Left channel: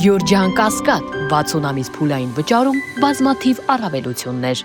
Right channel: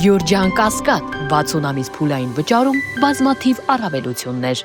Գյորջյան Կասկադ 60 ամիս փուլային վճարում բազմաթիվ առավելություններ։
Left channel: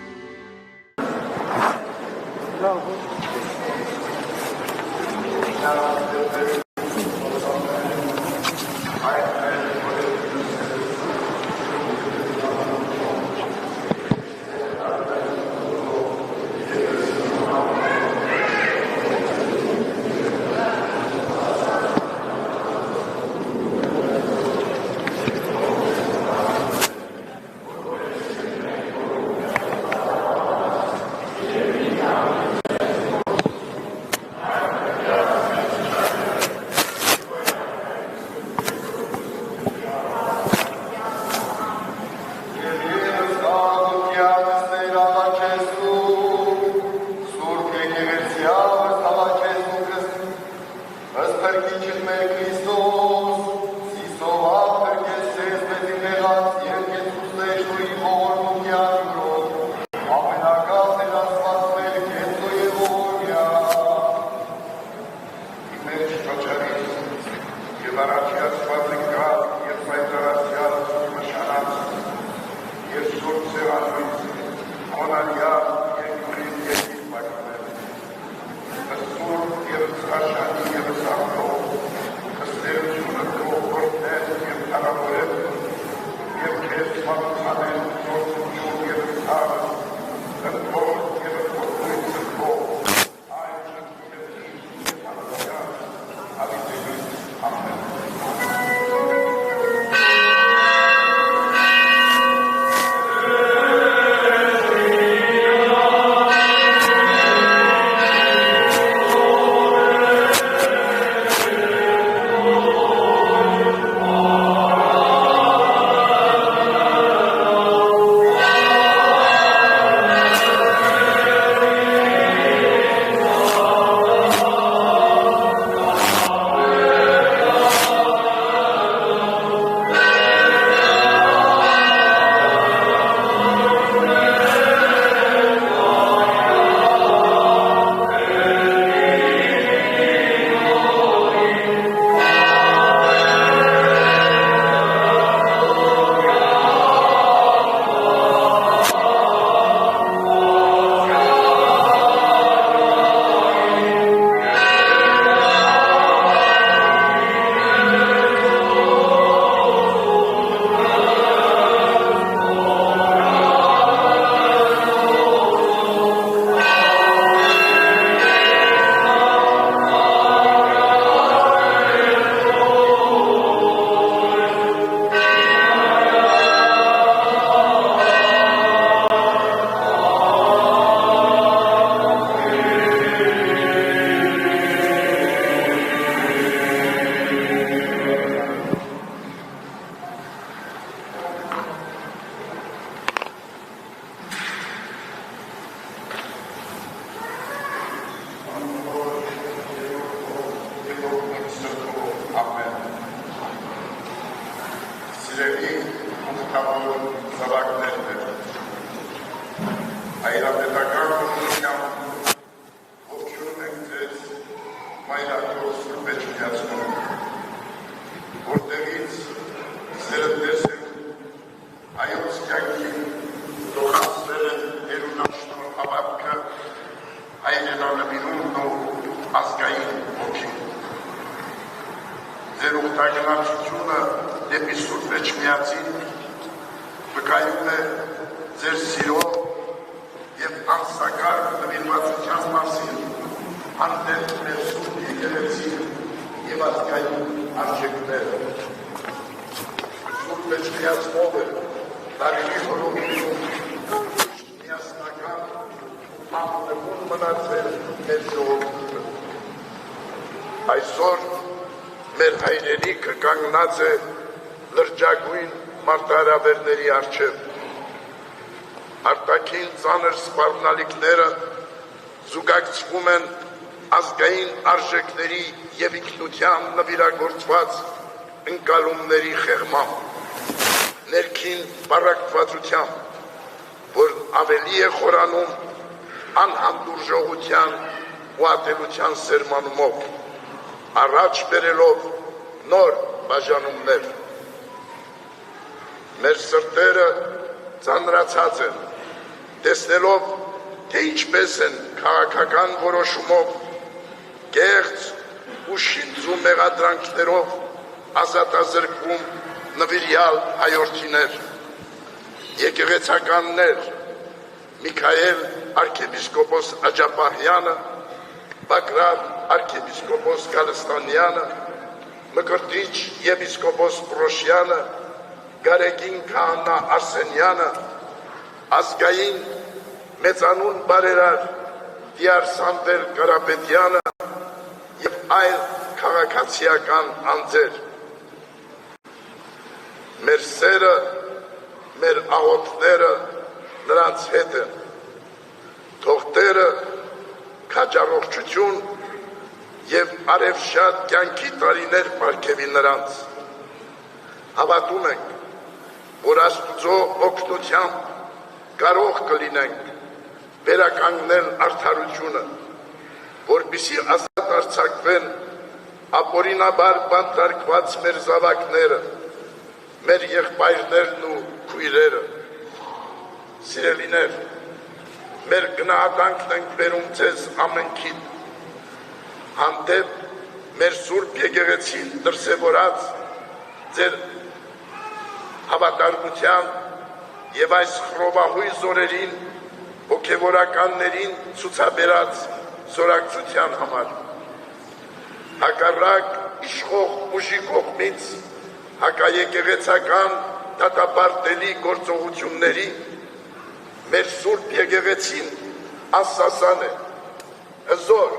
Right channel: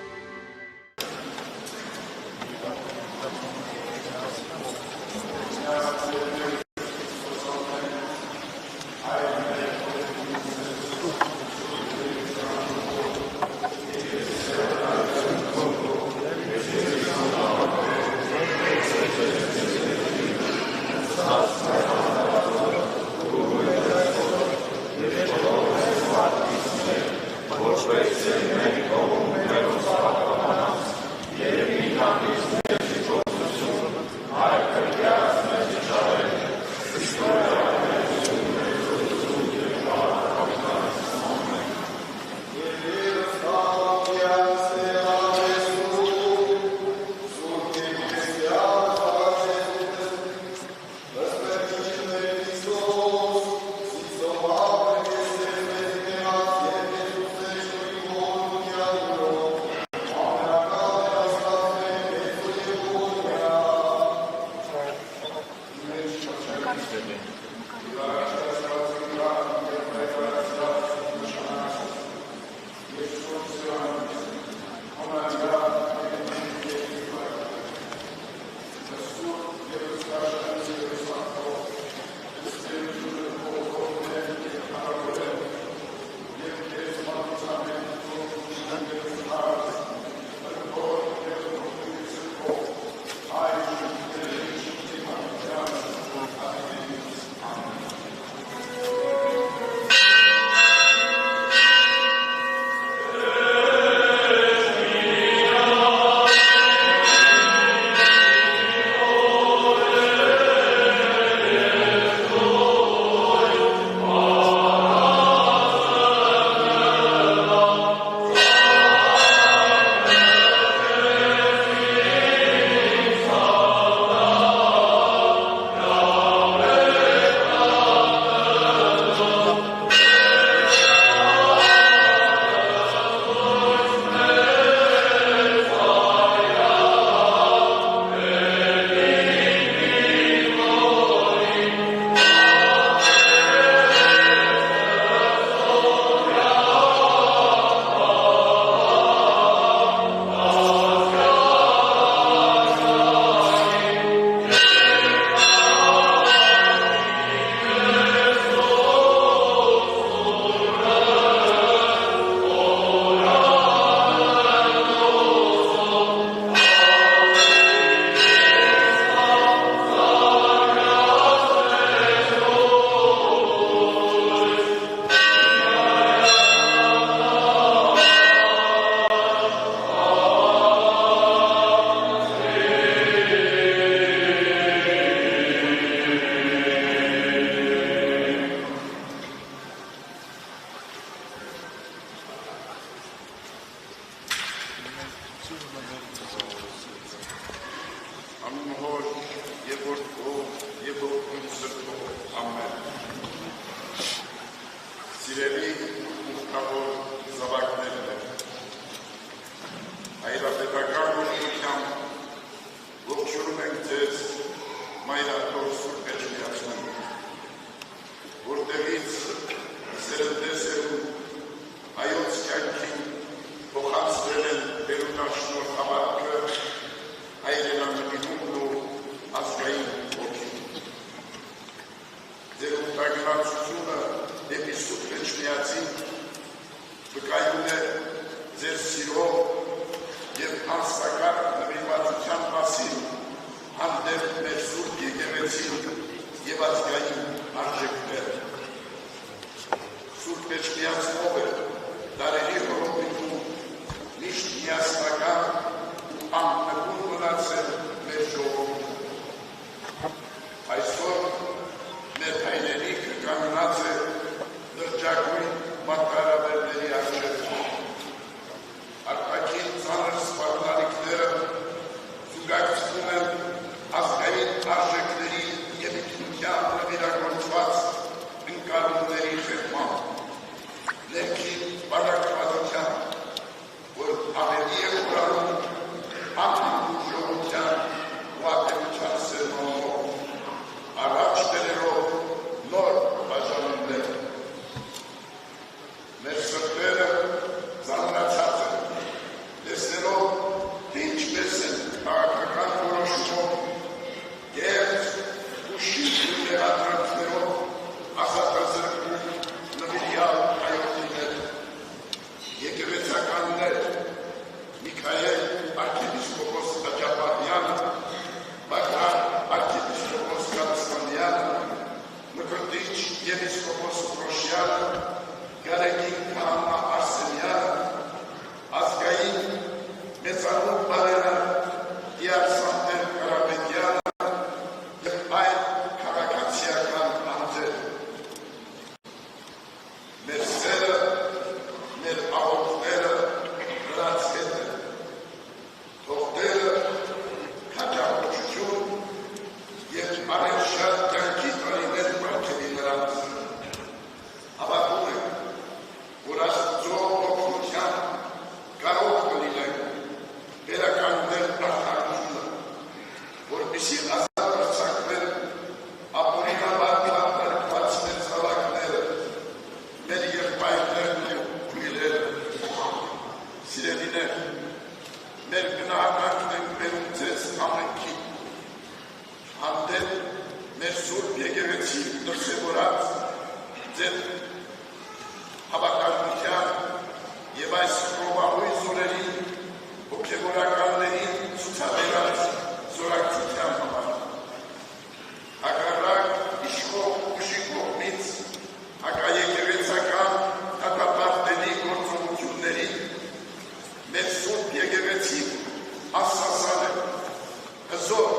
Այսօր մեր հայրենիքը կանգնած է լրջագույն մարտահրավերների առջև։ Արտաքին ծանր սպառնալիքները զուգակցվում են ազգային արժեքների և ինքնության նվիրագործված ընկալումների խեղմամբ, ներքին բարակվածությամբ, որ ավելի է խորանում անհանդուրժողության ու ատելության սերմանումով, առաջ բերելով նոր բաժանումներ։ մեր սրտերը ծանրացած են, տեսնելով, թե ինչպես են քաղաքական որոշումով, կեղծ ու շինծու մեղադրանքներով ազատազրկվում նվիրյալ հայորդիներ, եկեղեցականներ, Միքայել arczepiskopos Աջապահյանը, Բագրատ arczepiskopos Գալստանյանը, Մկրտիչ եպիսկոպոս Պրոշյանը, Գարեգին Քահանա Արսենյանը, ազգային մեծանուն բարերար Դիար Սամվել Կարապետյանը և այլ քաղաքացիական անձեր։ Մեր սերը, մեր աղոթները նրանց հետ են, թող Տերը քաջառողջություն և արևշատ կյանքի տարիներ պարգևի նրանց։ Հավատում ենք, որ Աստծո օգնությամբ կարող կլինենք վերականգնել արդարությունը, որպեսզի ազատ արձակվեն ապօրինաբար բանտարկված մեր զավակները, մեր եղբայրներն ու քույրերը։ Սիրելիներ, մեր գնահատանքն ենք բերում ձեզ ամենքին, հանդեպ մեր Սուրբ եկեղեցին դրսևորած ձեր հավատարմության և այս խռովահույս օրերին հոգևորականներին ցուցաբերած զորակցության համար։ Հակառակ իշխող ուժի կողմից հակաեկեղեցական դատապարտելի գործողությունների մեր Սուրբ եկեղեցին ասասան է, հզոր,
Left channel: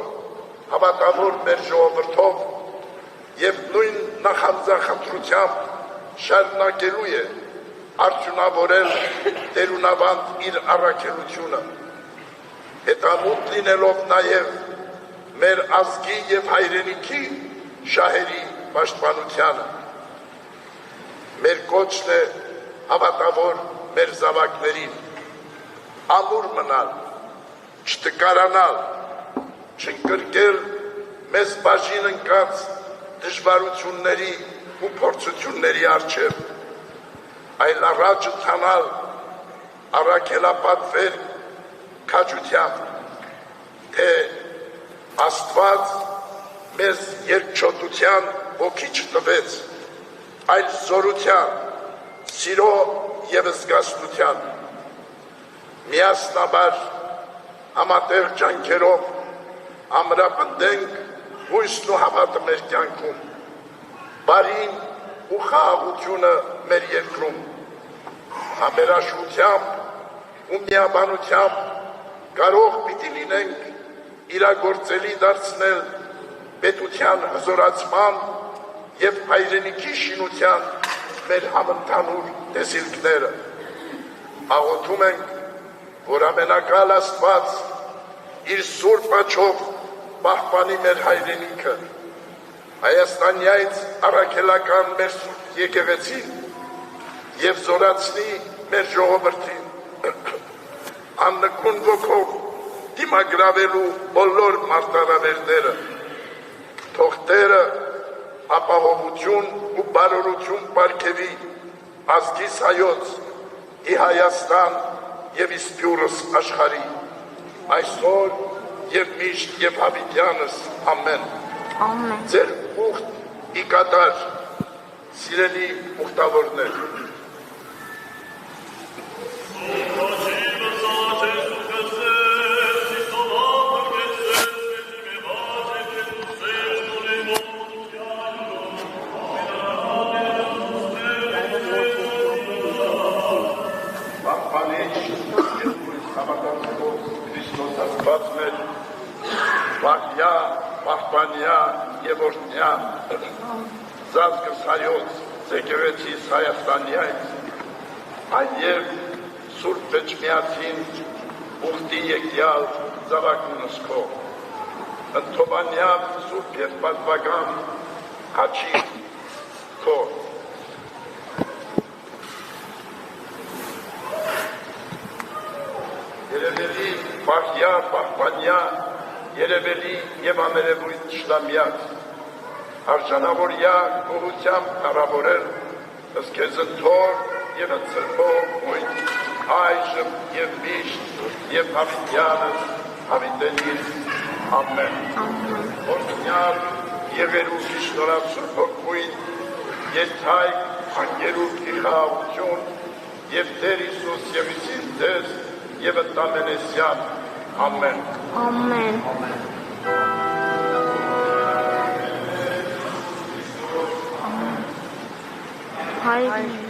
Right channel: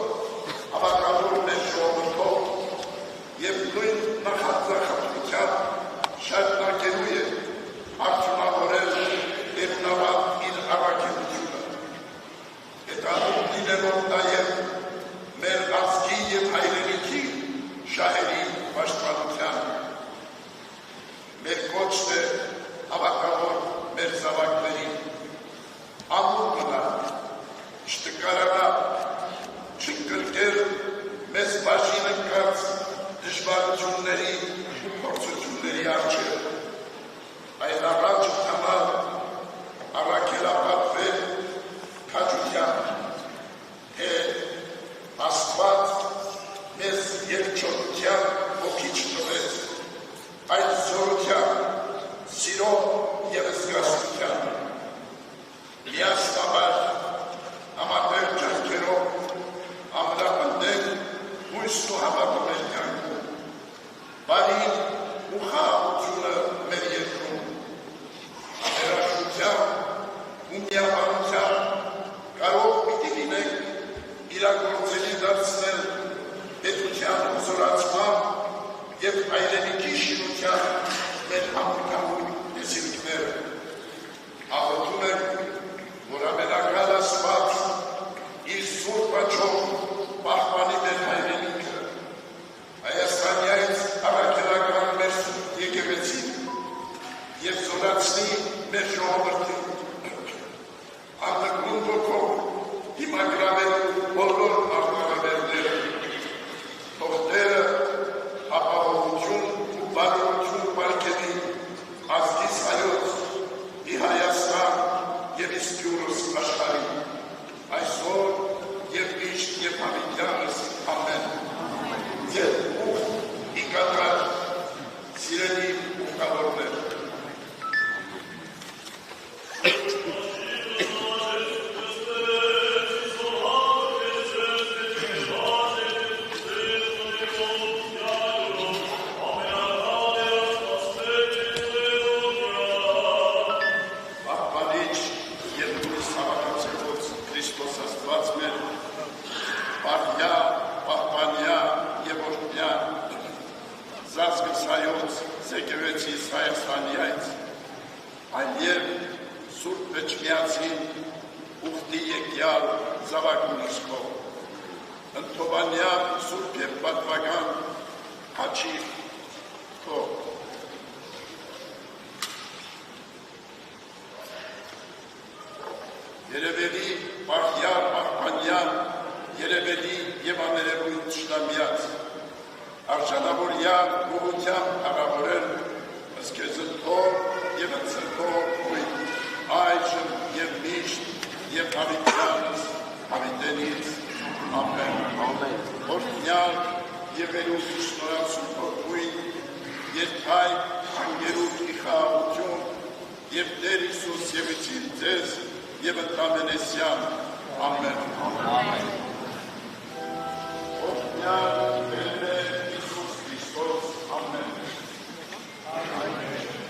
հավատավոր մեր ժողովրդով և նույն նախանձախնդրությամբ շարունակելու է արդյունավորել տերունավան իր առաքելությունը, հետանուտ լինելով նաև մեր ազգի և հայրենիքի շահերի պաշտպանությանը։ Մեր կոչն է հավատավոր մեր զավակներին, ամուր մնալ, չտկարանալ, չընկրկել մեզ բաժին ընկած դժվարությունների ու փորձությունների առջև, այլ առաջ ընթանալ, առաքելապատվել քաջությամբ, թե Աստված մեզ երկչոտության ոգի չտվեց, այլ զորության, սիրո և զգաստության, միասնաբար համատեղ ջանքերով ամրապնդենք հույսն ու հավատը մեր կյանքում, բարին ու խաղաղությունը մեր երկրում, համերաշխությամբ ու միաբանությամբ կարող պիտի լինենք իրագործելի դարձնել պետության հզորացման և հայրենիքի շինության մեր համընդհանուր տեսիլքները։ Աղոթում ենք, որ ամենակալ Աստված իր սուրբ աչքով պահպանի մեր հայրենիքը, Հայաստանյայց առաքելական մեր սուրբ եկեղեցին և զորացնի մեր ժողովրդին, աննկուն ոգով դիմագրավելու բոլոր մարտահրավերները, թող Տերը ապահովություն ու բարօրություն պարգևի ազգիս հայոց, ի Հայաստան և իսկյուրս աշխարհի, այսօր և միշտ և հավիտյանս, ամեն։ Ձեր ուխտ ի կատար, սիրելի ուխտավորներ։ Պահպանյա և օրհնյա զազգս հայոց եկեղեցիս Հայաստանյայց, այև Սուրբ Էջմիածին ուխտի եկյալ զավակնս քո, ընդհովանյան Սուրբ և պատվական հաչի քո, երևելի պահյա պահպանյա երևելի և ամերևույթ շտամյաց, արժանավորյա գողությամբ կարավորել ըստ քեզ ընթոր եւ ծրբոյ այժմ եւ միշտ եւ հավիտյանս հավիտենից ամեն օրհնյալ եղերուքի շնորհացում փոխույն եթայ անգերուքի խաղաղություն եւ Տեր Հիսուս ևիցին ձեզ եւ ընդամենեսյան ամեն Amen. Հայր